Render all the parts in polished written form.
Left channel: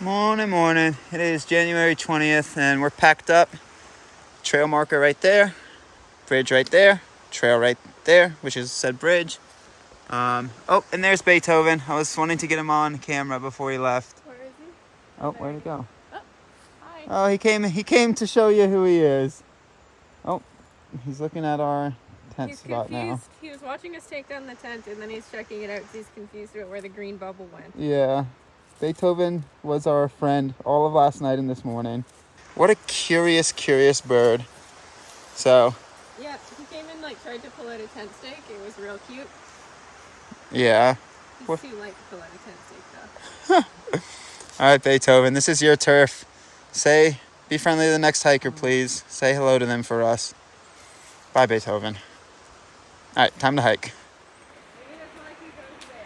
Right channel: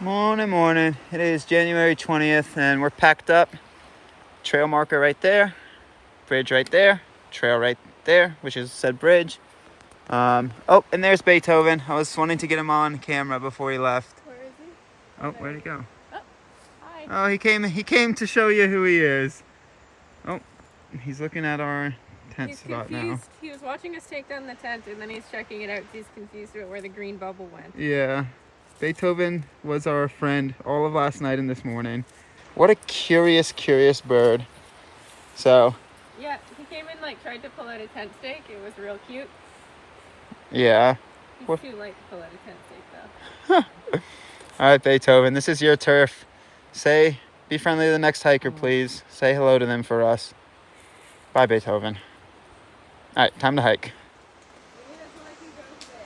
Morning, morning. It is January 20th and we're packed up. Trail marker right there. Bridge right there. Trail right there, which is said bridge. Oh, and there's Beethoven. I was wanting to get him on camera before he left. Where is he? Oh, where'd he go? Oh, hi. Oh, he came to show you who he is. Oh, he's looking at our tent He's spot confused. now. He was watching us take down the tent and then he's checking it out because he's confused about where the green bubble went. Yeah. Beethoven was our friend all of last night and this morning. What a curious bird. So, Yeah, he came in tried to pull out a tent stake. It was real cute. yeah. He's too light to pull out a tent stake though. All right, Beethoven, this is your turf. Be friendly to the next hiker, please. Say hello to them for us. Bye, Beethoven. All right, time to hike. Maybe that's why he goes there.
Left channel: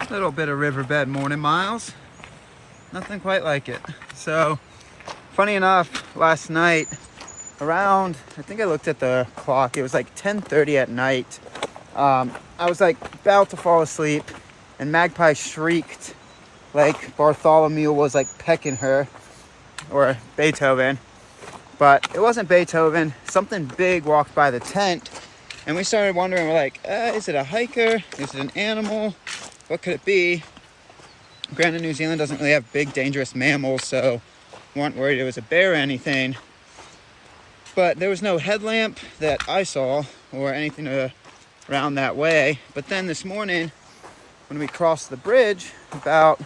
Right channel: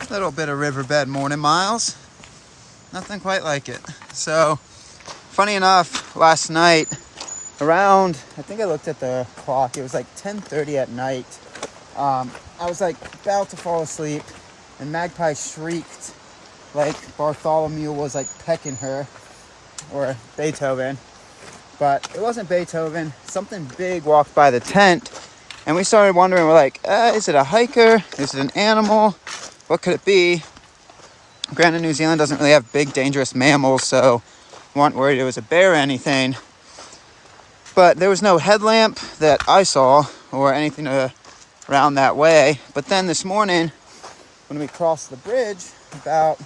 A little bit of riverbed morning miles. Nothing quite like it. So, funny enough, last night, around, I think I looked at the clock, it was like 10:30 at night. I was about to fall asleep and Magpie shrieked like Bartholomew was pecking her, or Beethoven. But it wasn't Beethoven. Something big walked by the tent and we started wondering, we're like, is it a hiker? Is it an animal? What could it be? Granted, New Zealand doesn't really have big, dangerous mammals, so we weren't worried it was a bear or anything. But there was no headlamp that I saw or anything around that way. But then this morning, when we crossed the bridge, about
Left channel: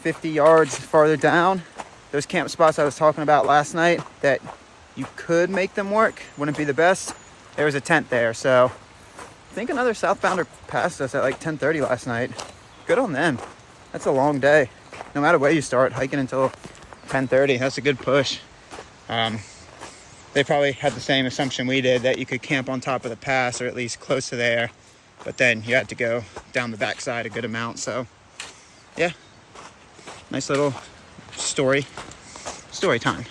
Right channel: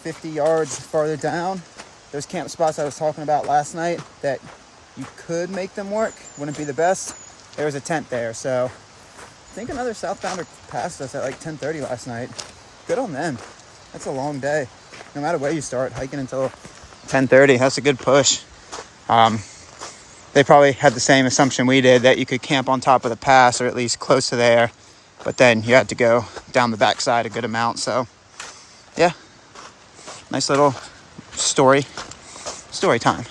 50 yards farther down, those camp spots I was talking about last night that you could make them work, wouldn't be the best. There was a tent there, so I think another southbounder passed us at 10:30 last night. Good on them. That's a long day. No matter where you start, hiking until 10:30, that's a good push. They probably had the same assumption we did, that you could camp on top of the pass or at least close to there, but then you had to go down the backside a good amount. So yeah, nice little story time.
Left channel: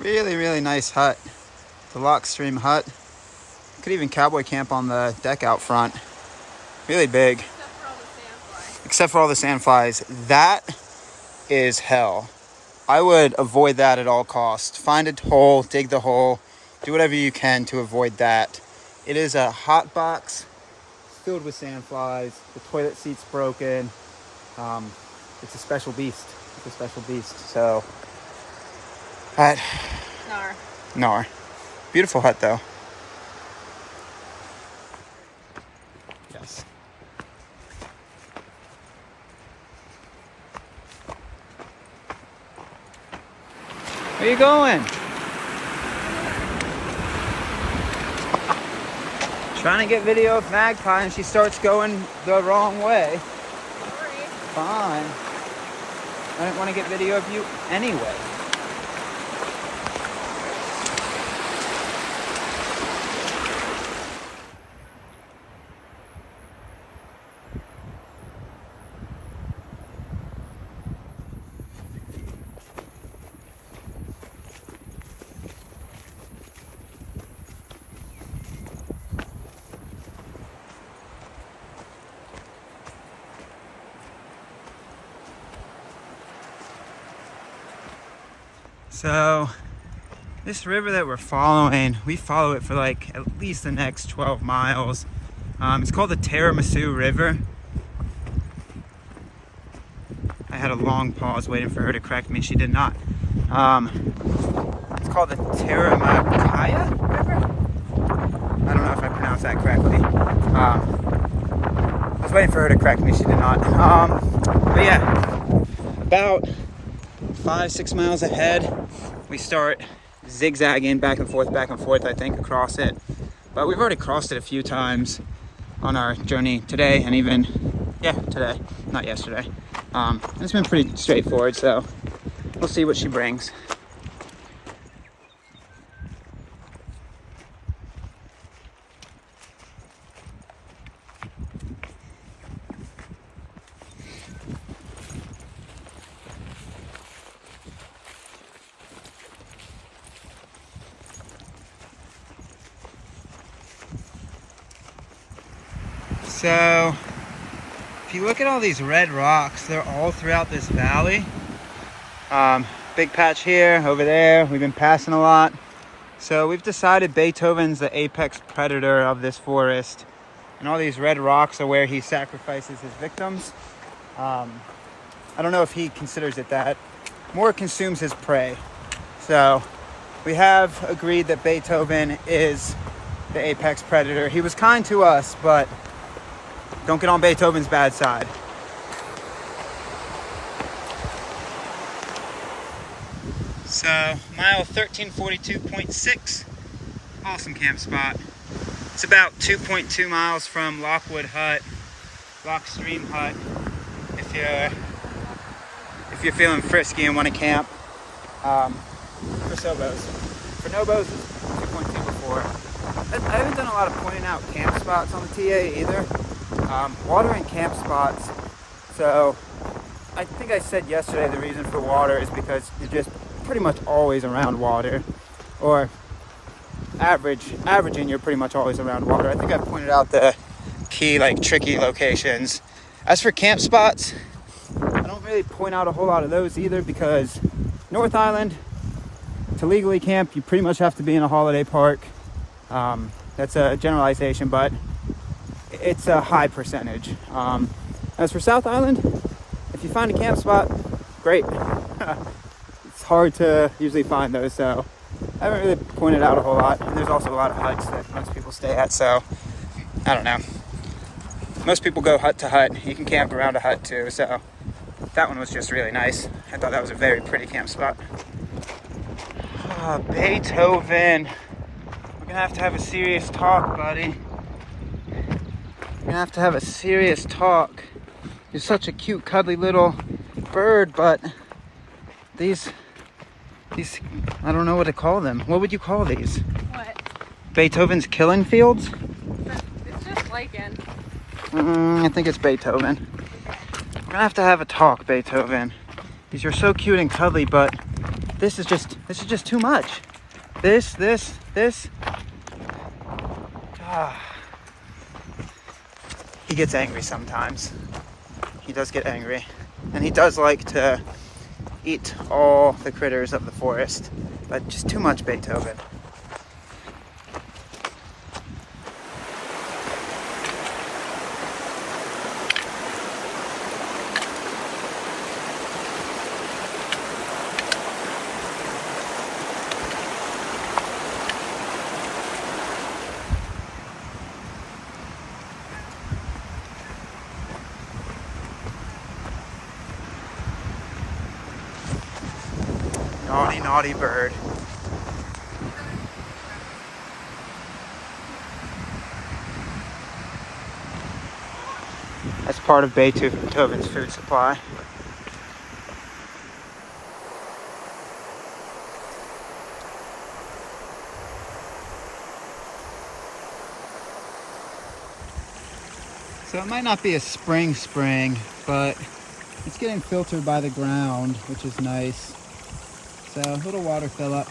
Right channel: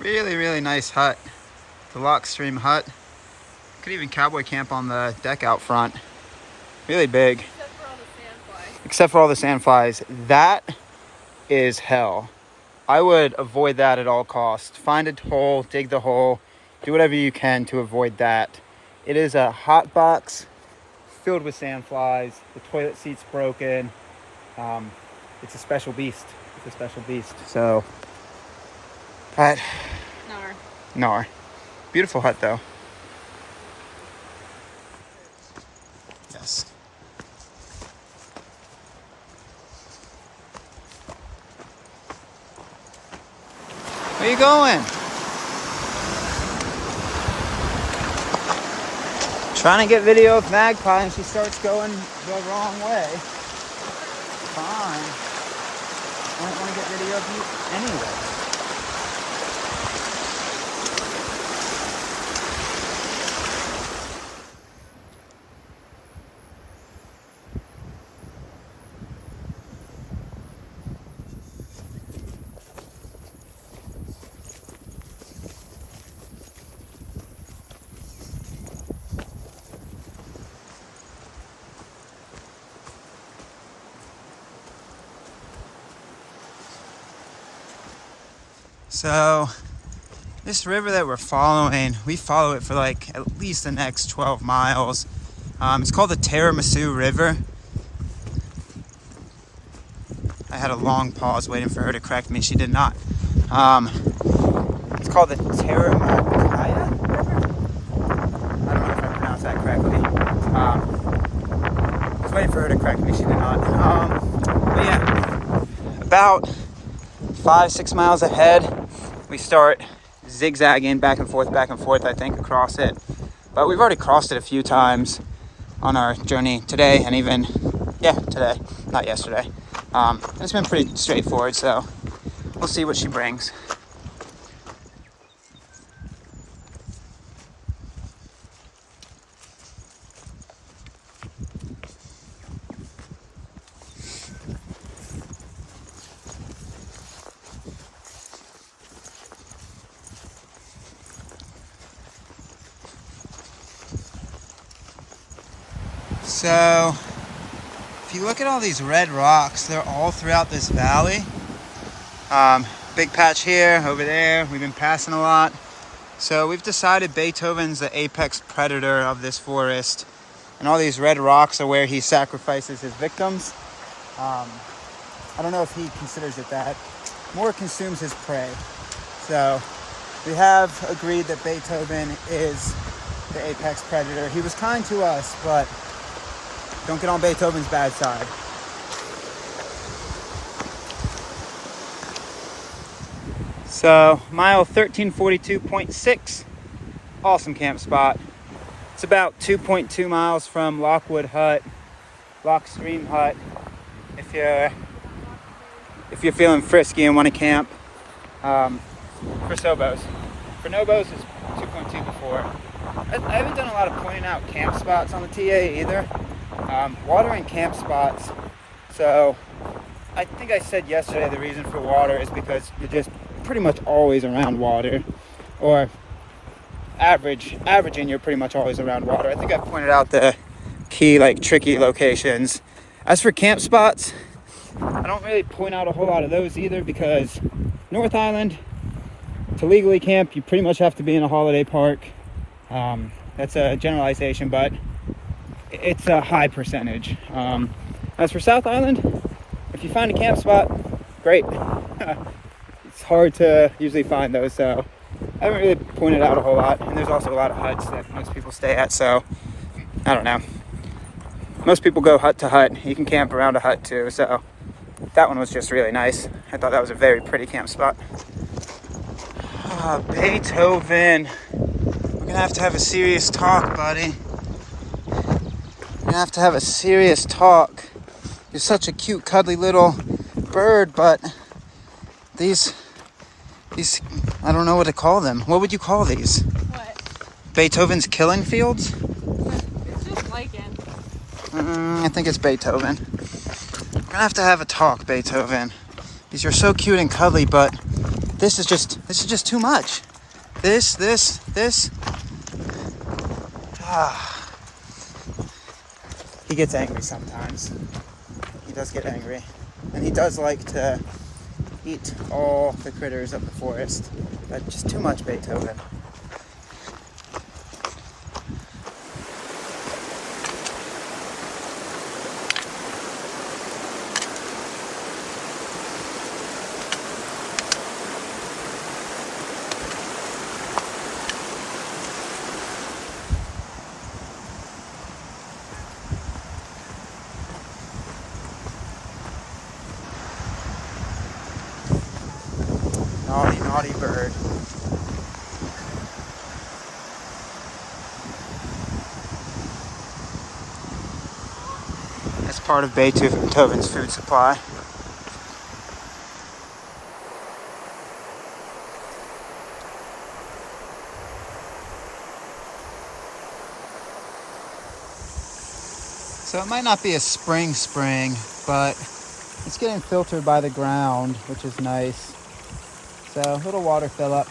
Really nice hut. The Lock Stream hut. Could even cowboy camp on the deck out front. Really big. Except for all the sandflies. That is hell. I would avoid that at all costs. Find a hole, dig the hole, do whatever you can to avoid that. It is a hot box filled with sandflies. The toilet seat's broken. It's a special beast. So, hut. Nar. Beautiful hut though. Yes. Where you going? Trying to get video of Magpie and she starts going the wrong way. Fine. I didn't want to get video of you anyway. So this river that we're following, we follow it for like at least the next 12 miles. It's called the Tiramisu River. I had a long pause waiting for her to correct me. She did not. It's called the Tiramisu River. I don't know if I pronounced that correctly. I was waiting for her to correct me. She did not. But yeah, about 5-6 miles ahead, we start zigzagging back and forth, I think, across it. But we've already crossed it a few times on our journey today, and even, today, not yesterday. And it's been pretty straightforward, so we'll see what she brings. So, if you look at all these red rocks, they're all throughout this valley. Big patch here, over there. We've been passing a lot. So we've decided Beethoven's the apex predator of this forest. And all these red rocks are where he sacrifices his victims. I don't know if he considers it that. More consumes his prey. So we have agreed that Beethoven is the apex predator. He was kind to us, but don't get on Beethoven's bad side. So, mile 1342.6, awesome camp spot. It's about 2.2 miles from Lockwood Hut, Lock Stream Hut, if you're feeling frisky and want to camp. For Sobos. For Nobos, it's 2.2 before. I haven't done a lot of pointing out camp spots on the TA either. Water and camp spots. So I think I said yesterday the reason for water is because you're just pretty much always around water, or averaging you're pretty much always around water. I think I've pointed out the key, like, tricky locations. As for camp spots, I don't really point out a whole lot of those either, because North Island, to legally camp, you pretty much have to be in a holiday park. That's a generalization, but it's a high percentage. As for South Island, if you find a camp spot, great. It's hard to usually find those, so I haven't really pointed out a whole lot. And there's also a lot of huts that most people stay at, so I don't know. Most people go hut to hut. You can camp around a hut too, so that one was just really nice. I thought that was a very pretty camp spot. Beethoven. We're gonna have to have a serious talk, buddy. We're gonna have to have a serious talk. You're such a cute, cuddly little bird, but these, I don't know what to call them. What would you call these? What? Beethoven's killing fields? It's just lichen. I think it's Beethoven. We're gonna have a talk, Beethoven. Because you're so cute and cuddly, but this is just too much. This. He gets angry sometimes. He does get angry. And he does like to eat all the critters of the forest. But just too much Beethoven. Naughty, naughty bird. That's part of Beethoven's food supply. So it might not be a spring, but it's getting filtered by the ground, which is nice. So a little water fill up.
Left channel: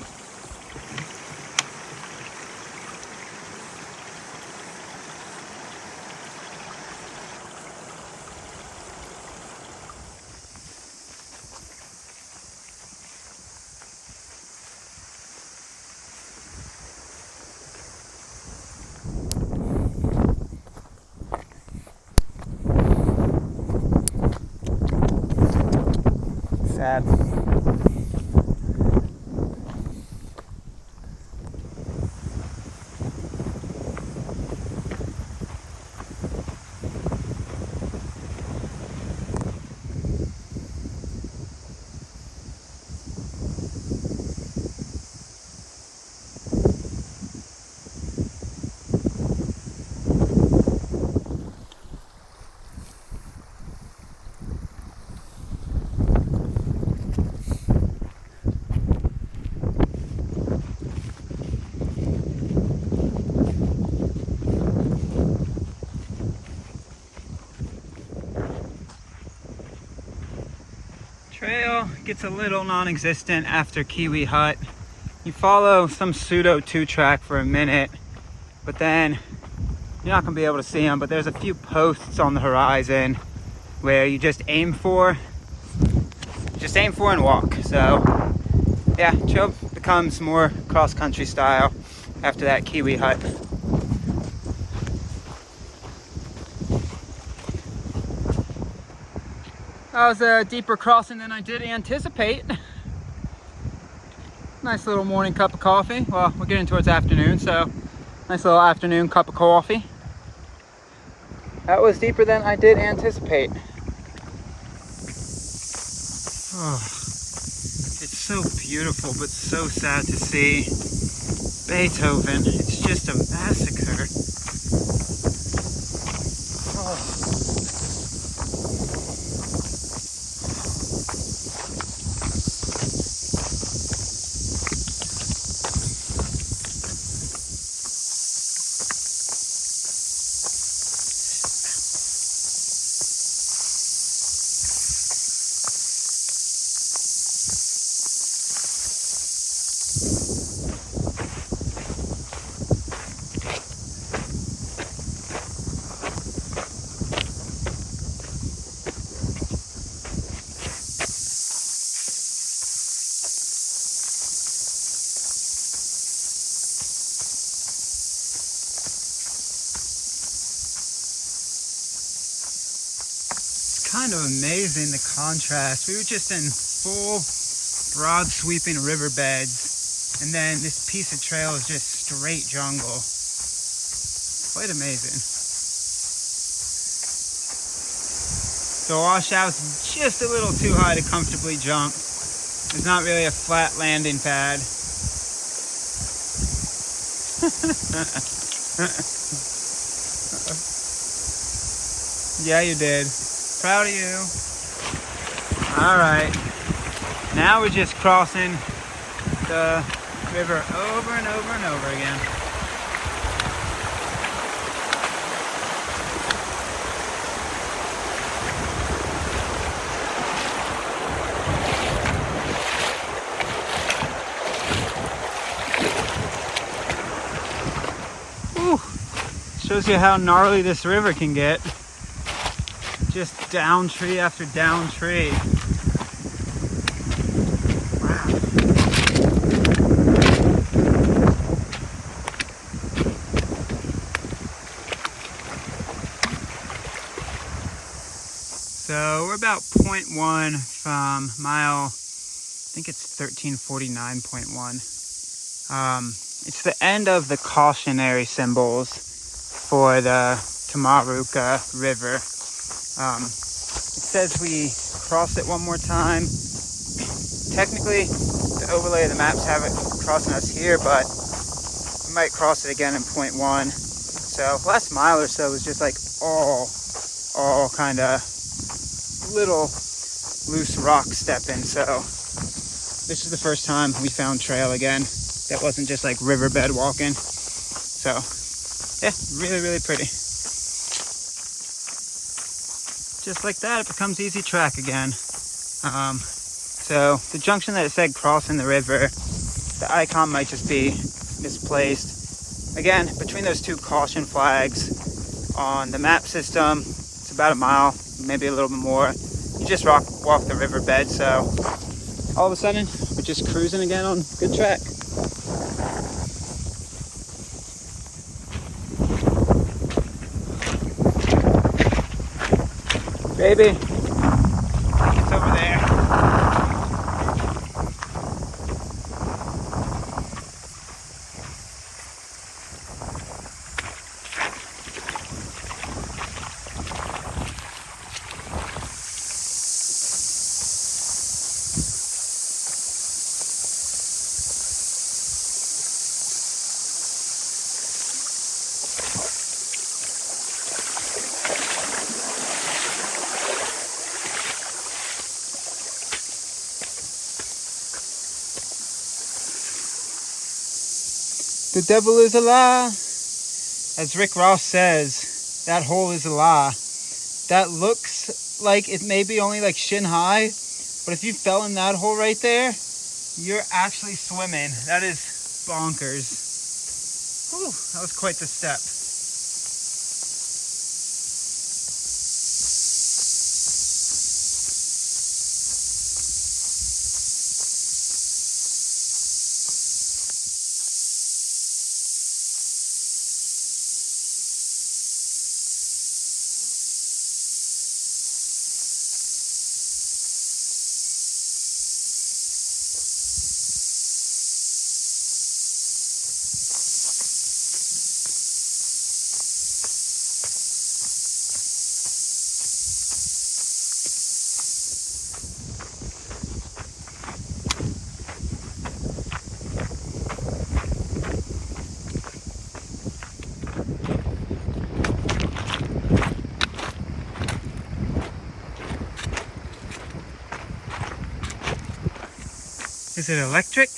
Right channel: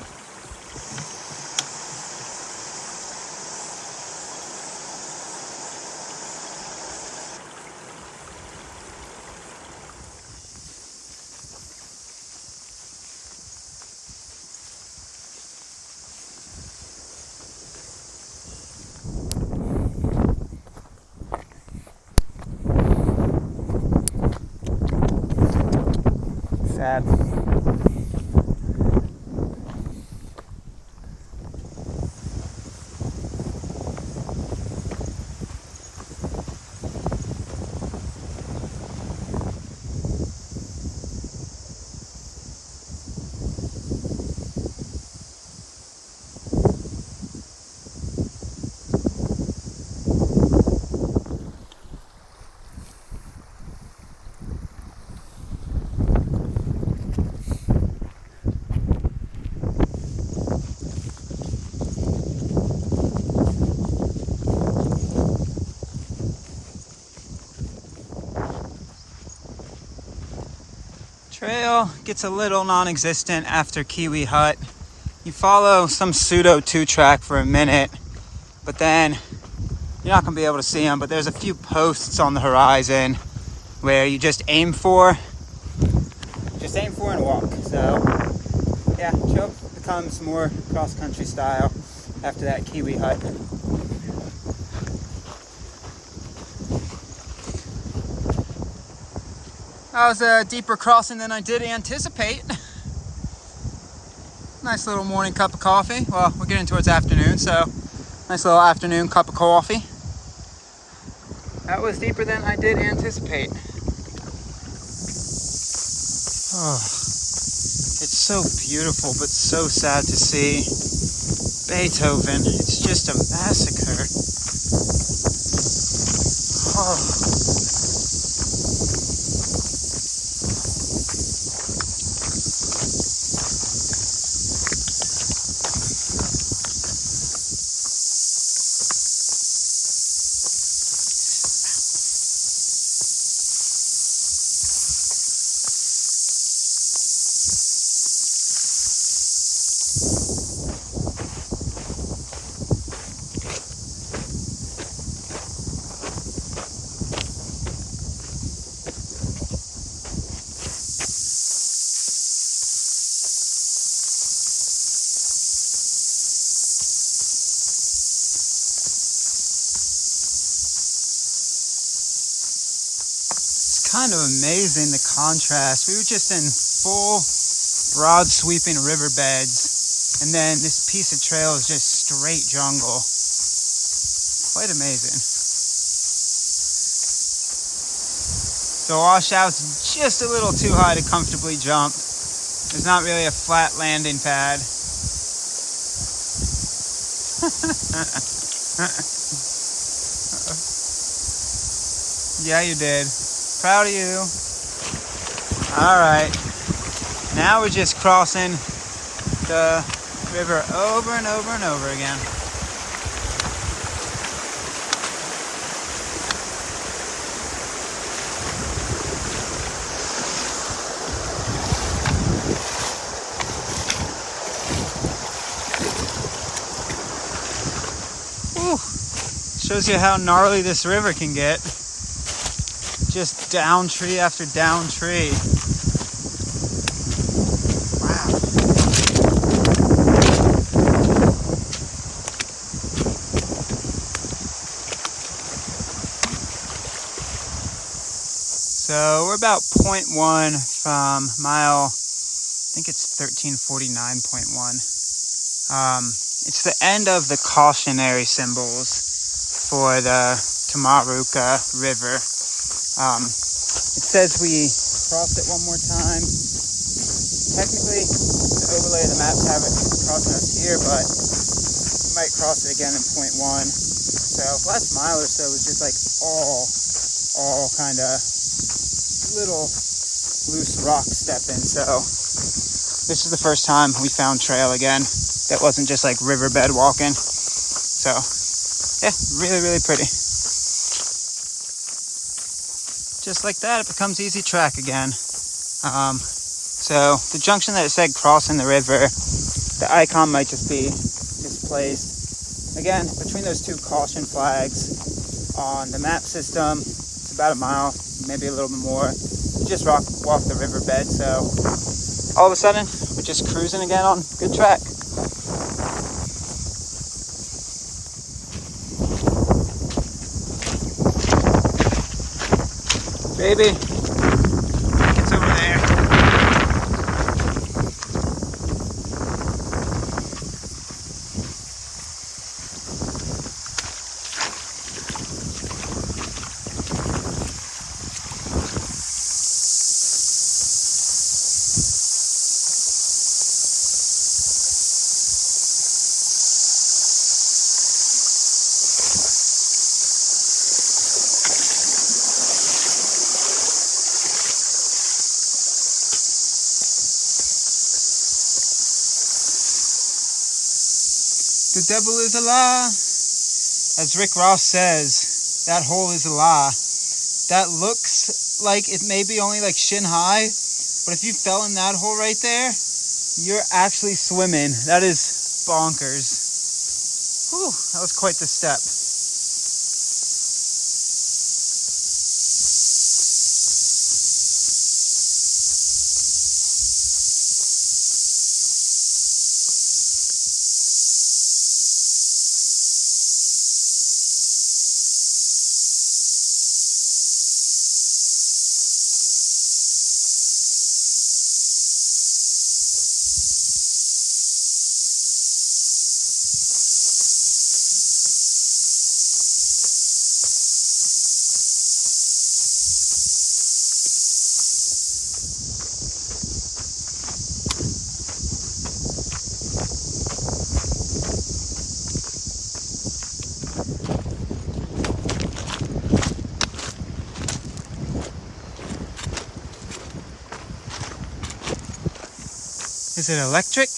bad. Trail gets a little non-existent after Kiwi Hut. You follow some pseudo 2-track for a minute, but then you're not gonna be able to see them, but there's a few posts on the horizon where you just aim for and walk. So yeah, trail becomes more cross-country style after that Kiwi Hut. That was a deeper crossing than I did anticipate. Nice little morning cup of coffee. Well, we're getting towards afternoon, so nice little afternoon cup of coffee. That was deeper than I did anticipate. Oh, it's so beautiful, but so sad to see. Beethoven, it's just a massacre. Oh. Kind of amazing, the contrast. We were just in full broad sweeping riverbeds, and then this piece of trail is just straight jungle. Quite amazing. The washout's just a little too high to comfortably jump. There's not really a flat landing pad. Yeah, you did. Proud of you. All right. Now we're just crossing the river over and over and over again. Whew. Shows you how gnarly this river can get. Just down tree after down tree. Wow. So we're about 0.1 from mile, I think it's 1349.1. It's the end of the cautionary symbols for the Tamaruka River. It says we cross it one more time. Technically, the overlay of the maps have it crossing us here, but we might cross it again in 0.1. So last mile or so was just like all kind of little loose rock stepping. So this is the first time we found trail again. That wasn't just like riverbed walking. So yeah, really, really pretty. Just like that, it becomes easy track again. So the junction that it said crossing the river, the icon might just be misplaced. Again, between those two caution flags on the map system, it's about a mile, maybe a little bit more. You just walk the riverbed, so all of a sudden, we're just cruising again on good track. Baby, it's over there. The devil is a lie. As Rick Ross says, that hole is a lie. That looks like it may be only like shin high, but if you fell in that hole right there, you're actually swimming. That is bonkers. Whew, that was quite the step. Is it electric?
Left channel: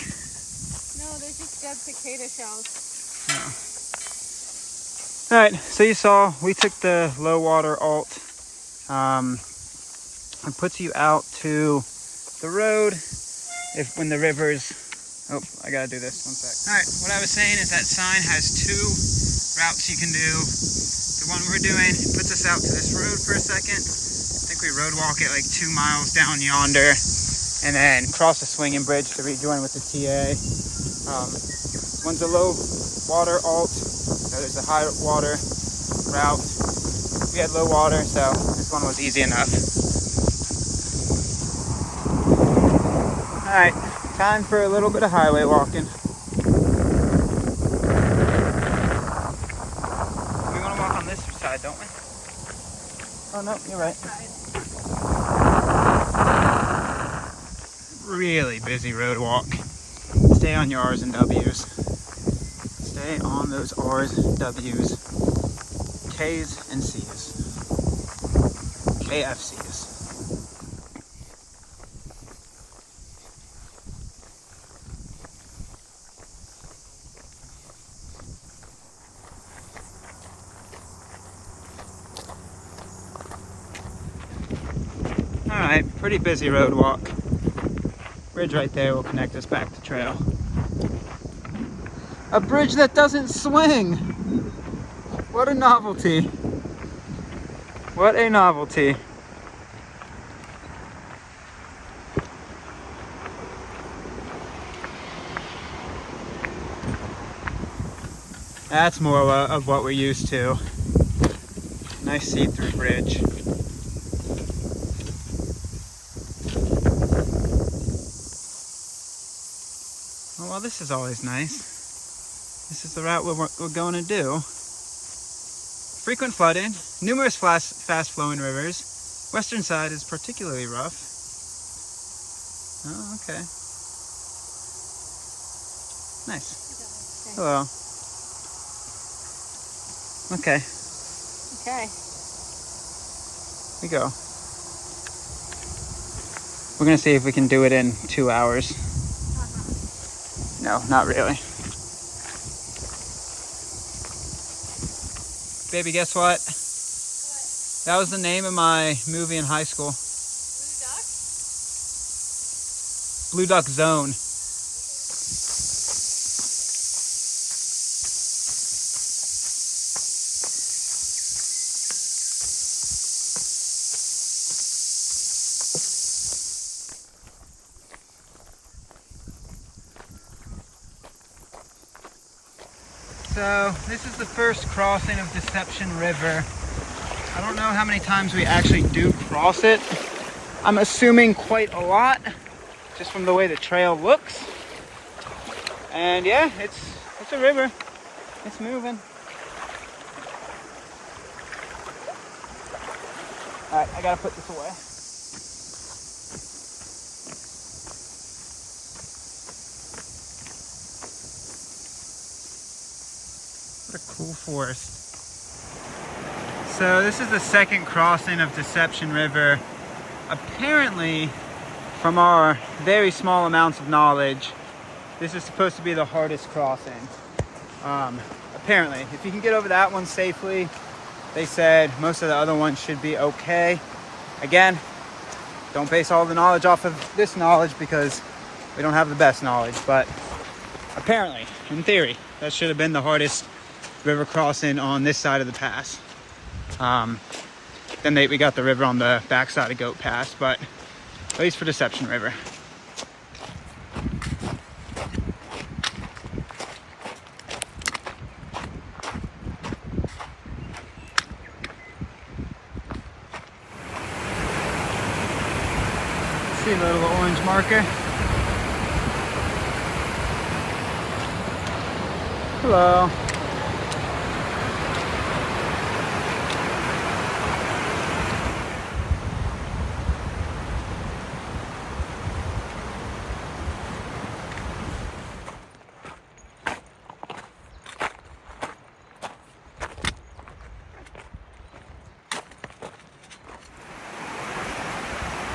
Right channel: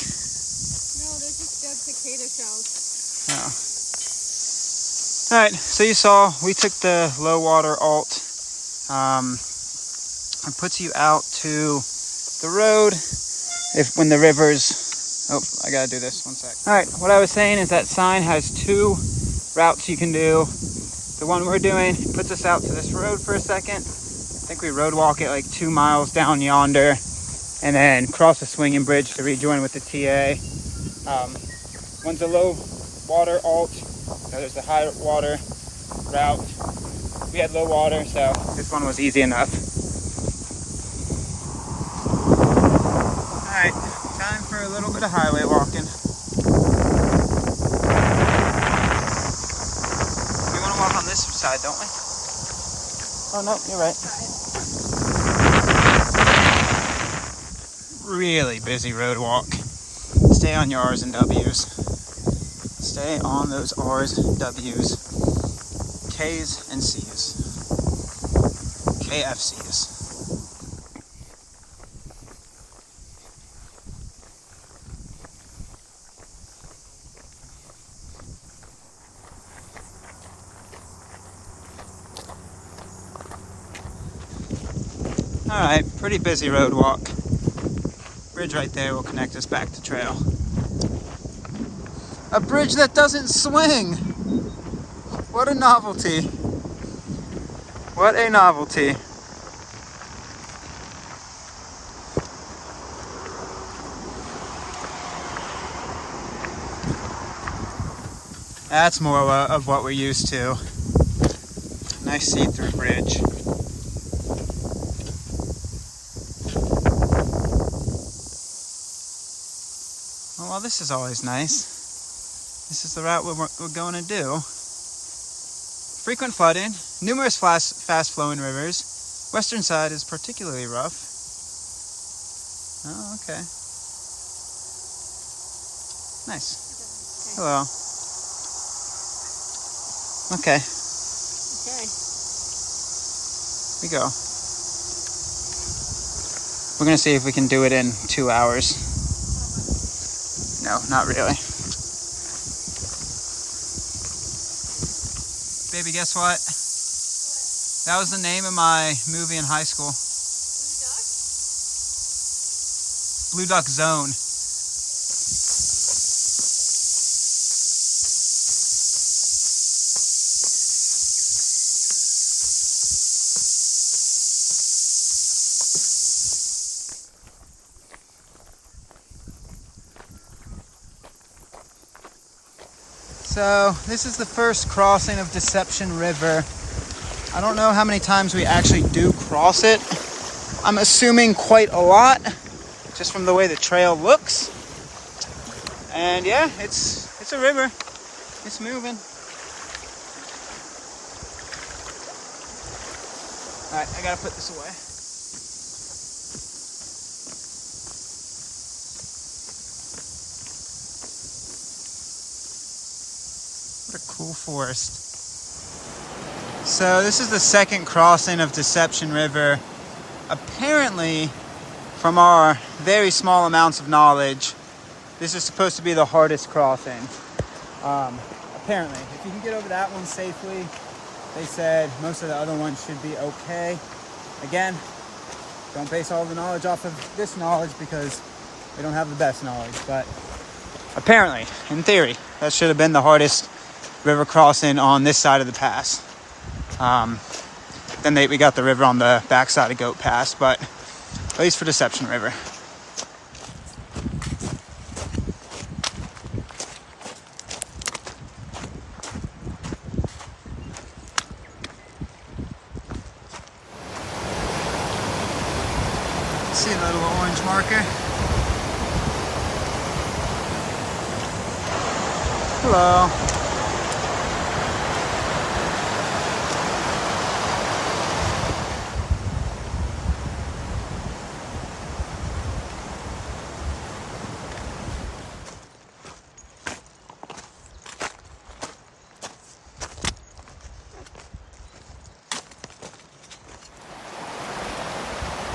No, they're just dead cicada shells. Oh. All right, so you saw we took the low water alt. It puts you out to the road when the rivers. Oh, I gotta do this 1 sec. All right, what I was saying is that sign has 2 routes you can do. The one we're doing puts us out to this road for a second. I think we road walk it like 2 miles down yonder, and then cross a swinging bridge to rejoin with the TA. One's a low water alt, the other's a high water route. We had low water, so this one was easy enough. All right, time for a little bit of highway walking. We want to walk on this side, don't we? Oh no, you're right. Really busy road walk. Stay on your R's and W's. Stay on those R's, W's, K's, and C's. KFC's. All right, pretty busy road walk. Bridge right there will connect us back to trail. A bridge that doesn't swing. What a novelty. What a novelty. That's more of what we're used to. Nice see-through bridge. Oh, well, this is always nice. This is the route we're going to do. Frequent flooding, numerous fast-flowing rivers. Western side is particularly rough. Oh, okay. Nice. Hello. Okay. Okay. We go. We're gonna see if we can do it in 2 hours. No, not really. Baby, guess what? What? That was the name of my movie in high school. Blue Duck? Blue Duck Zone. So this is the first crossing of Deception River. I don't know how many times we actually do cross it. I'm assuming quite a lot, just from the way the trail looks. And yeah, it's a river. It's moving. All right, I gotta put this away. What a cool forest. So this is the second crossing of Deception River. Apparently, from our very small amounts of knowledge, this is supposed to be the hardest crossing. Apparently, if you can get over that one safely, they said most of the other ones should be okay. Again, don't base all the knowledge off of this knowledge because we don't have the best knowledge, but apparently, in theory, that should have been the hardest river crossing on this side of the pass. Then we got the river on the backside of Goat Pass, but at least for Deception River. See the little orange marker? Hello.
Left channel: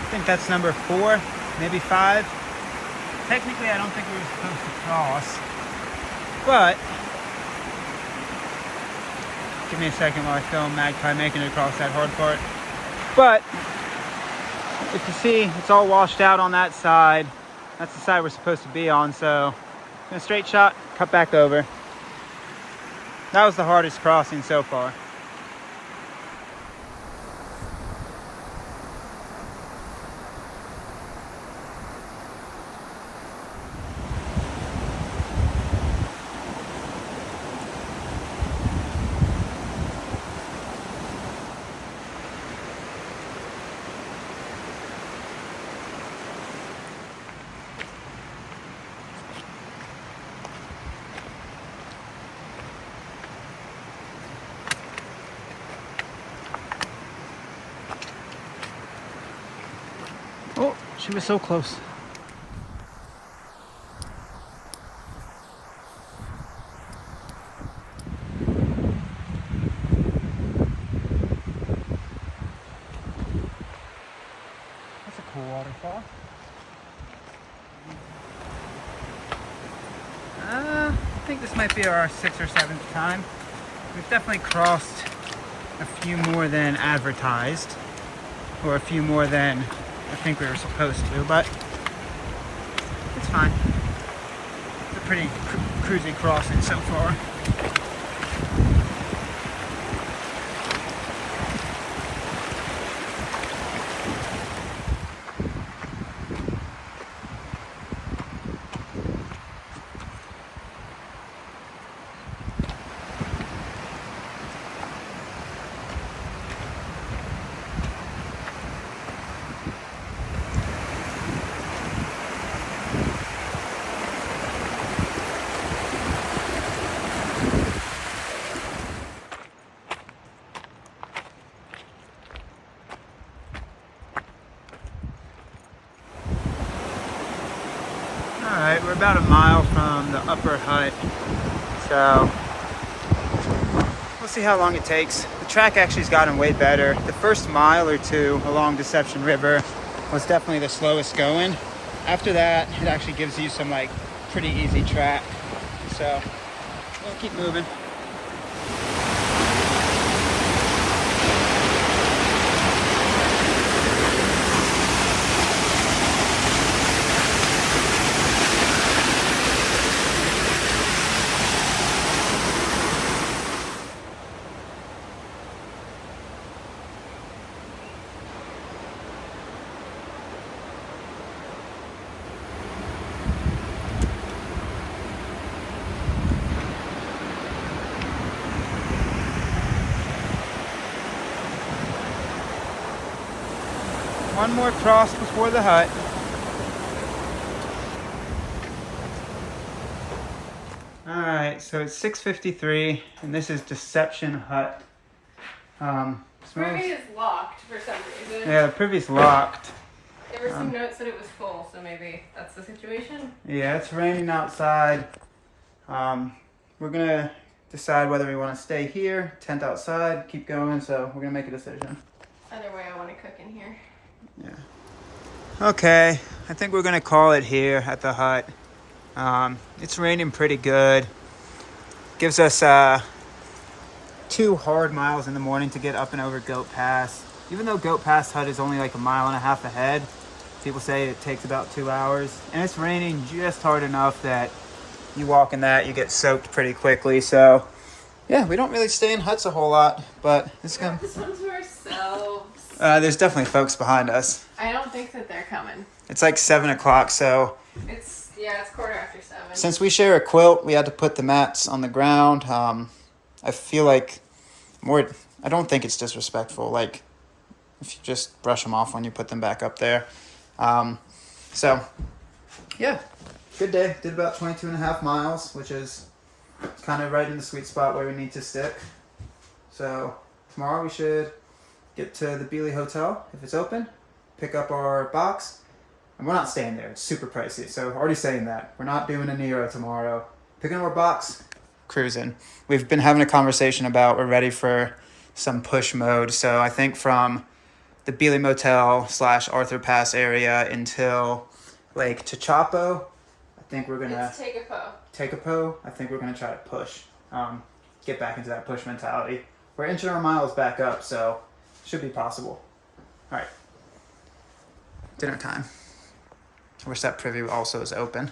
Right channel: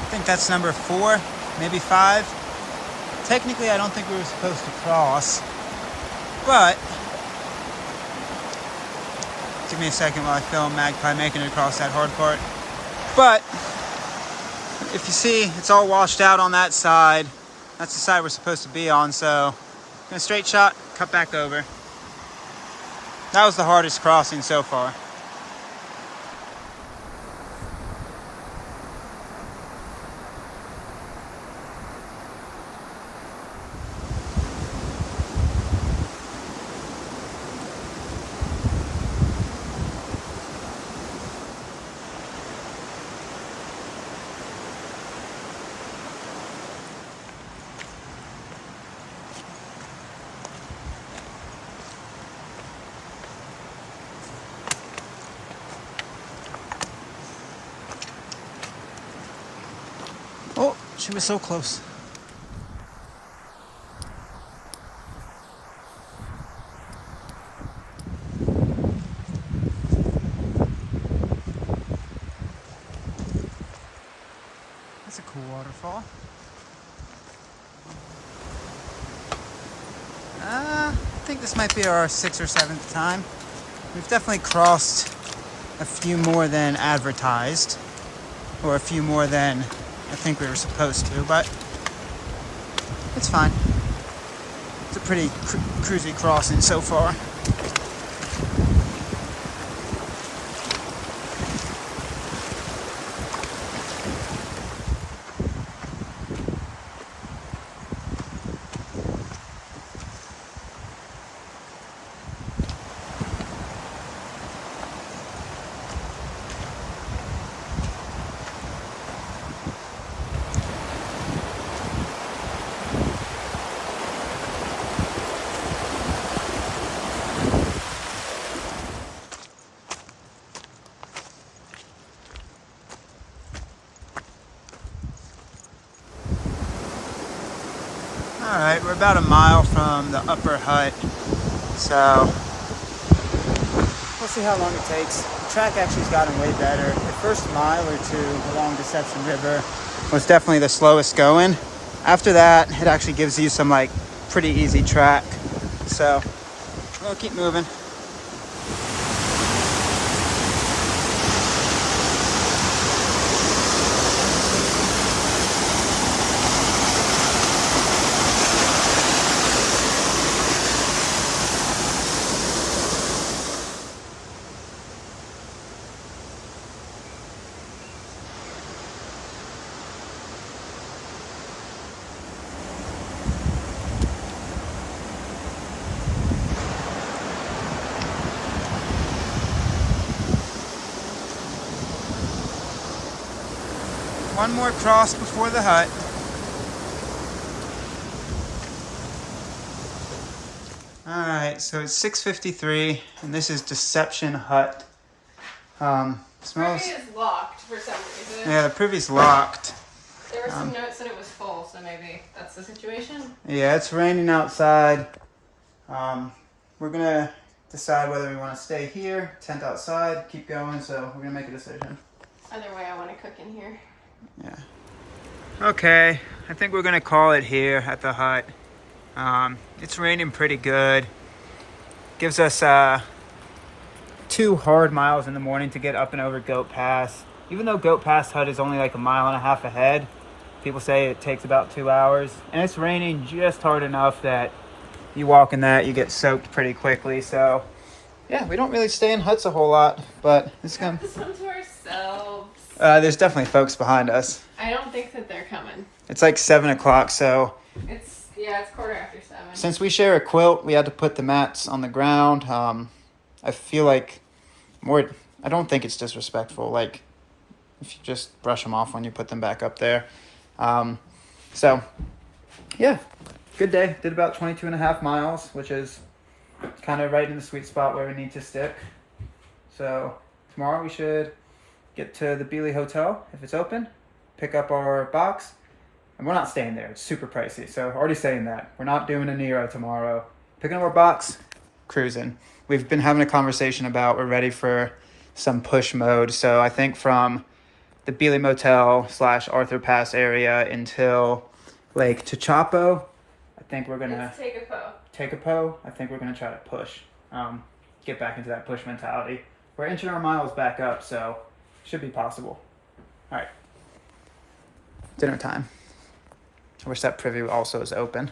I think that's number 4, maybe 5. Technically, I don't think we were supposed to cross, but give me a second while I film Magpie making it across that hard part. But if you see, it's all washed out on that side. That's the side we're supposed to be on, so in a straight shot, cut back over. That was the hardest crossing so far. Oh, she was so close. That's a cool waterfall. I think this might be our 6th or 7th time. We've definitely crossed a few more than advertised, or a few more than I think we were supposed to, but it's fine. It's a pretty cruisy crossing so far. Alright, we're about a mile from the upper hut, so we'll see how long it takes. The track actually has gotten way better. The first mile or two along Deception River was definitely the slowest going. After that, it actually gives you some like pretty easy track. So we'll keep moving. One more cross before the hut. Alright, so it's 6:53 and this is Deception Hut. Smells... Privy is locked for some reason. Yeah, the privy's locked. There were some notes that it was full, so maybe that's the situation. Yeah, it's raining outside. We're gonna decide whether we want to stay here, tent outside, keep going, so we're gonna make a decision. Either way, I want to cook in here. Yeah. Okay, I think we're gonna call it here at the hut. It's raining pretty good. Gives us 2 hard miles in the morning to get up and over Goat Pass. Even though Goat Pass Hut is only like 1.5 miles ahead, people say it takes about 2 hours. And it's raining just hard enough that you walk in that, you get soaked pretty quickly. So yeah, we don't really stay in huts a whole lot, but it's kind of... This one's for ourselves. There's definitely folks behind us. I don't think that they're coming. It's like 7 o'clock, so... It's 7:15. Since we share a quilt, we had to put the mats on the ground. I feel like I don't think it's disrespectful. Like, if you just brush them off when you put them back up there. So, yeah, good day. Did about 22.5 miles, which is kind of right in the sweet spot where we need to stick. So, tomorrow we should get to the Beeley Hotel, if it's open, pick up our box. And we're not staying there. It's super pricey. So, already saying that. We're not doing a Nero tomorrow. Picking up our box, cruising. We've been having a conversation about we're ready for some push mode. So, I think from the Beeley Motel / Arthur Pass area until Lake Techapo, I think we're going to... Take a po. I think we're going to try to push. Get back into that push mentality. We're inching our miles back up, so should be possible. All right. Dinner time. I wish that privy also is open.